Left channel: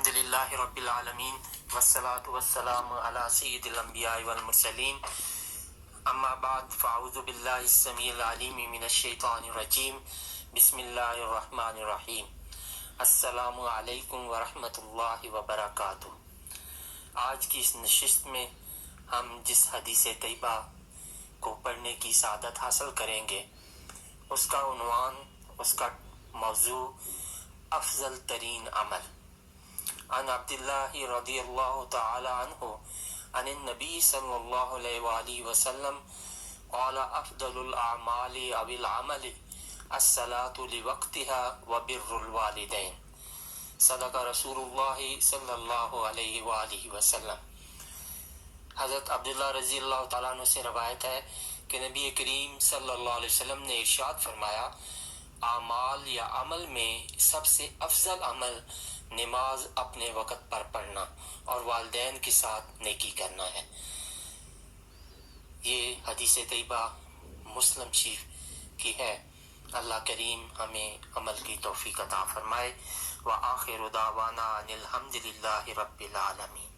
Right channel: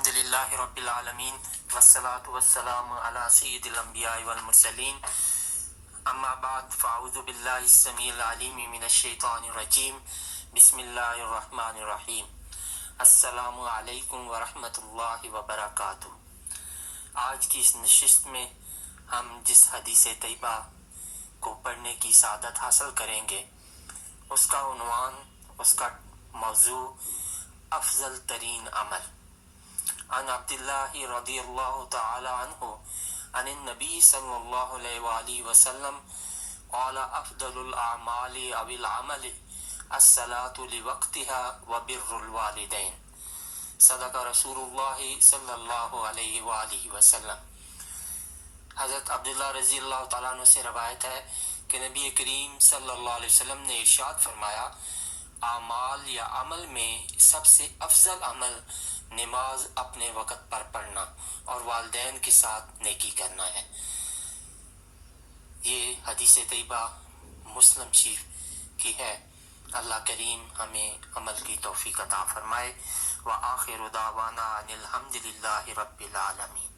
الحمدللہ رب العالمین والصلاة والسلام علی سید الانبیاء والمرسلین اما بعد فاعوذ باللہ السمیع العلیم من الشیطان الرجیم بسم اللہ الرحمن الرحیم السلام علیکم ورحمۃ اللہ وبرکاتہ۔ آج کی اس نشست میں ہم جس حدیث طیبہ کو پڑھنے کی سعادت حاصل کریں گے اس کا عنوان، اس کا موضوع افضل ترین عمل۔ عن عبداللہ رضی اللہ تعالی عنہ عن النبی صلی اللہ علیہ وآلہ وسلم قال افضل الاعمال او العمل الصلاة لوقتها وبر الوالدین، صدق رسول اللہ صلی اللہ علیہ وآلہ وسلم۔ حضرت عبداللہ رضی اللہ تعالیٰ عنہ سے روایت ہے کہ نبی کریم صلی اللہ علیہ وسلم نے ارشاد فرمایا، اعمال یا عمل میں سب سے افضل عمل نماز اپنے وقت پر پڑھنا اور والدین کے ساتھ نیکی کرنا ہے۔ یہ حدیث طیبہ مسلم شریف کی ہے۔ اللہ کریم ہمیں عمل کی توفیق عطا فرمائے۔ وآخر دعوانا ان الحمد للہ رب العالمین۔